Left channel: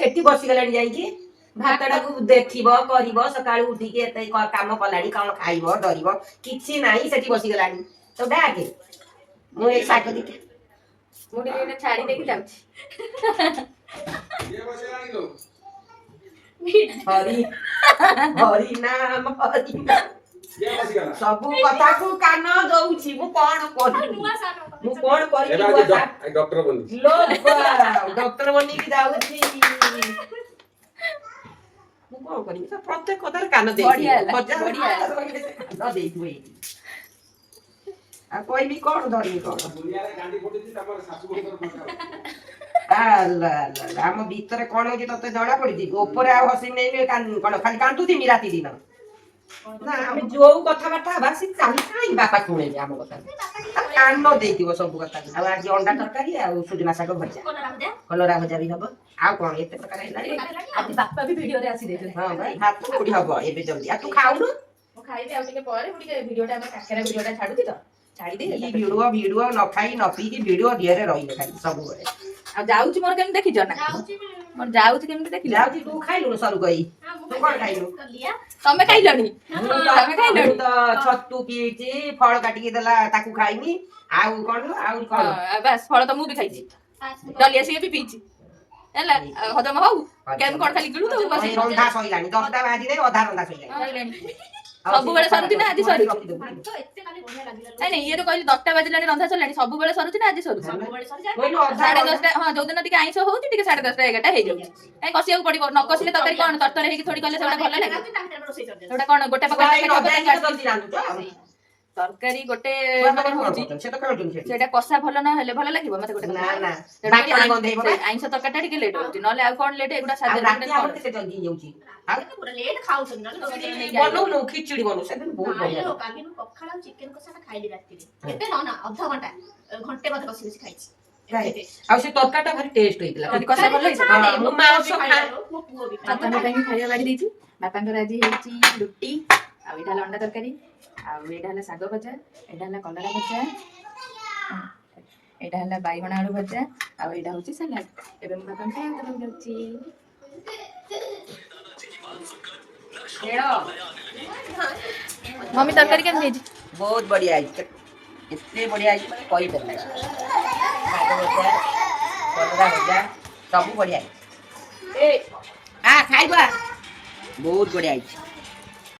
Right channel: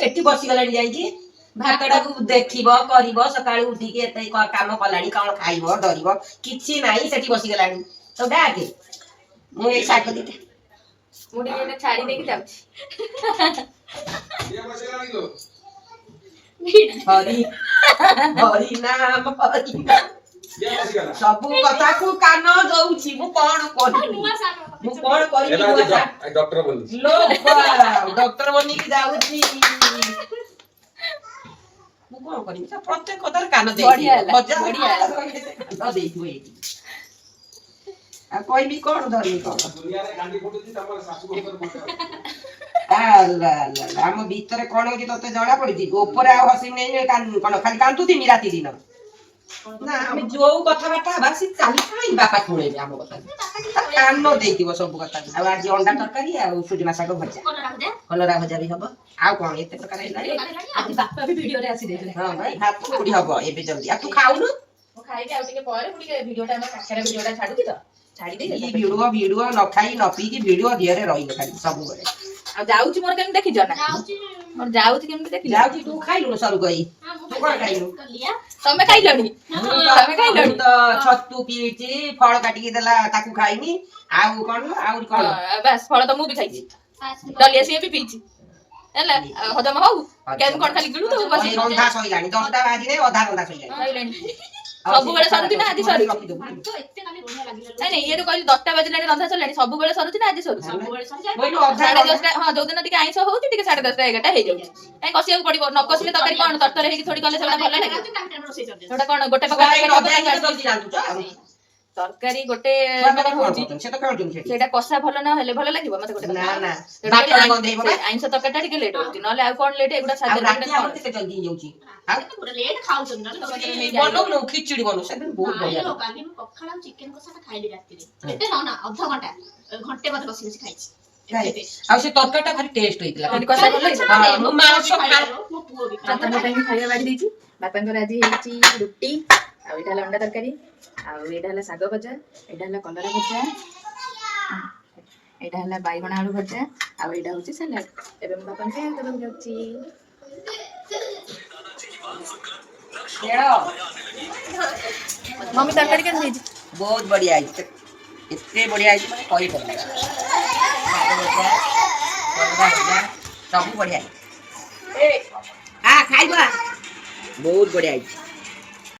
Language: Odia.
ସେଠି ବସିଗଲାଣି ଯାଇକି ଭାତଟାକୁ ଦେଖିବ କରିବ ସକାଳୁ ଉଠିକି ଏତେ କାମ କଲାଣି କଣ ଖାଇବ ଡରିବ କିଛି ନାହିଁ ସେଠି ବସିଗଲାଣି ତ ଡାକେ ମୁଁ ଏଇ ଶାଗ ଦିଟା ମୁଁ ଟିକେ ଗୋଟେ ଛାଡି ଦେଇକି ଯାଉଛି। ହରି ହରି ନାମ ହରି ନାମ ସବୁ କଥାକୁ କାନ ଦଉଛି ମୁଁ କଣ କରିବି ମୁଁ କଣ କରିବି ଡକ୍ଟର ବନି ଡକ୍ଟର ବନିକି ଯାଉଛି ମୁଁ କଣ କରିବି ପ୍ରତ୍ୟେକ କଥାରେ କାନ ଦେଇଥିବ କାନ ଦେଇଥିବ ଏଇଠି ଆଉ କହିବି କଣ ଧରିବି କଣ ଆମ ଭିତରେ କଣ ହଉଛି ତତେ ଜଣା ପଡୁଛି ଉପରେ ଆଉ ହସି ନେଇ କଣ ଖାଲି କାନ୍ଦୁଥିମି ରାତି ଦିନ ନା ଆମେ ଯୋଉ କଥାବାର୍ତ୍ତା ହବା ସେ ଚାଲି କାହିଁ ବାପା ଶୁଣେଇବେ ଆମ କଥା କାନ ଦେଇଥିବ ସବୁ କଥା ଆଉ ଆଜି ଅଣ୍ଡା ତରକାରୀ ଆଉ ସୁଜନା ଶାଗ ଭଜା କଲରା ଭଜା ବି ହବ ଆଉ କଣ ଏତେ ପ୍ରକାର ହେଲାଣି ଆଜି ବାପା ବି ଭିଡିଓରେ ଆସି ଦେଇଥିଲେ। ହଁ ଭାଇ ଭାତ କୋଉଠି ହବ ଏବେ ଜଲ୍ଦି ଆଉ ତୁ ଖାଉନୁ ମୁଁ ଖାଇବି ଆଉ ଟିକେ ପରେ ମୁଁ ଟିକେ ଭିଡିଓଟା ଆମ କାକେରା ଭିଡିଓଟା ଛାଡୁଛି ତ ଛାଡି ଦେଇ ଭିଡୁଅ ନ ଖାଇ ନ ପିଇକି ଭିଡୁଅ ଦିହରେ ରହିବ ଖାଲି ସବୁବେଳେ ଆଉ ଯାଉଛି ମୋର କେମିତି ଦେଖିଛ ନା ମୋର ଯାଉଛି କେମିତି ଦେଖିଛ ଯାଉଛି ତୁ ଖାଇଲୁଣୁ ସରୁ କହି ତୁ କଣ ଖାଇଲୁ ତମେ ଖାଇଲଣି ମୁଁ ତ ଛତୁ ପିଇଛି ଫଳ କାଟିକି ଦେଲା ତାକୁ ଖାଇନି ଆଉ କଣ ଆହୁରି କଣ ବାସ୍ ଫଳ ତ ମୁଁ ବି ଖାଇଛି ଡଲିଆ ସିଏ ବି ପିଇଛି ହେଲା ହଜମ ହଉ କେମିତି କଣ ଖାଲି ଗିଳୁ ତ ରନ୍ଧା ସଇଲାଣି 10ଟା ବାଜିଲେ ଅଧା ରନ୍ଧା ସଇଲାଣି ସବୁବେଳେ ସରୁଛି ନା ଆଜି ସରୁଛି ନାଇଁ ଇଏ କହିଲି 10ଟା ବାଜିଲାଣି ରନ୍ଧା ସରିଲାଣି ସବୁବେଳେ ସରୁଛି ନା ଆଜି ସରୁଛି ସାଢେ 10ଟା ହଁ ଯୋଉଦିନ ଟିକେ ଆଇଁଷ ହଉଛି ଟିକେ 10:30 11ଟା ହେଇଯାଉଛି କାଇଁ କଷିବାକୁ ପଡିବ ନ କଷିଲେ ତରକାରୀ କଣ ତରତର ହେଇକି ଥୋଡି କଲେ ସେଟା ଭଲ ଲାଗେ ସେଟା କଣ ଗୋଟେ ପକା ତରକାରୀ ଗୋଟେ ସେଇଟା କଷା ଭଲ ନ ହେଲେ ଭଲ ଲାଗିବ ମତେ ଗୋଟେ ଆଇଁଷ ତରକାରୀ ଟା ଟିକେ ଲେଟ୍ ହଉଛି ନହେଲେ ଆଉ କଣ ଲେଟ୍ ଏଗୁଡା ବନଉନୁ ଖିଚୁଡି ବନଉ ସେଦିନ ବହୁତ ବଢିଆ କାଲି ମୁଁ ପଖାଳ ଆଉ ଚିକେନ କଷାଟା ଖାଇଲି ରାତିରେ କେତେ ନା ଅଧଘଣ୍ଟା ଘଣ୍ଟେ ମତେ ବସି ବସି ଖାଇଛି ଆଉ ସେ ତରକାରୀଟା ଭାରି ଟେଷ୍ଟ ହେଇଥିଲା ମୋ ପାଇଁ ଖାଇବା ବାଢି ଦେଇଛି ବାପାଙ୍କର ଆଜି ହେଇଛି ରୁଟି ଆଉ ଏଇଟା ହେଲା ଅଣ୍ଡା ତରକାରୀ ଆଉ ଏଇଟା ହେଲା ଶାଗ ଭଜା ଏଇଟା ହେଲା କଲରା ଭଜା ଏଇଟା ହେଲା ବାଇଗଣ ଆଳୁ ଭଜା ଆଉ ଏଇଟା ହଉଛି ସାଲାଡ ଏବେ ମୁଁ ବାପାଙ୍କୁ ଖାଇବା ଦେବାକୁ ଯାଉଛି मम्मी तरकारी केन ହେଇଛି बहुत बढ़िया है इतने बढ़िया है कोई बढ़िया सब बढ़िया है खाइबा बहुत बढ़िया है।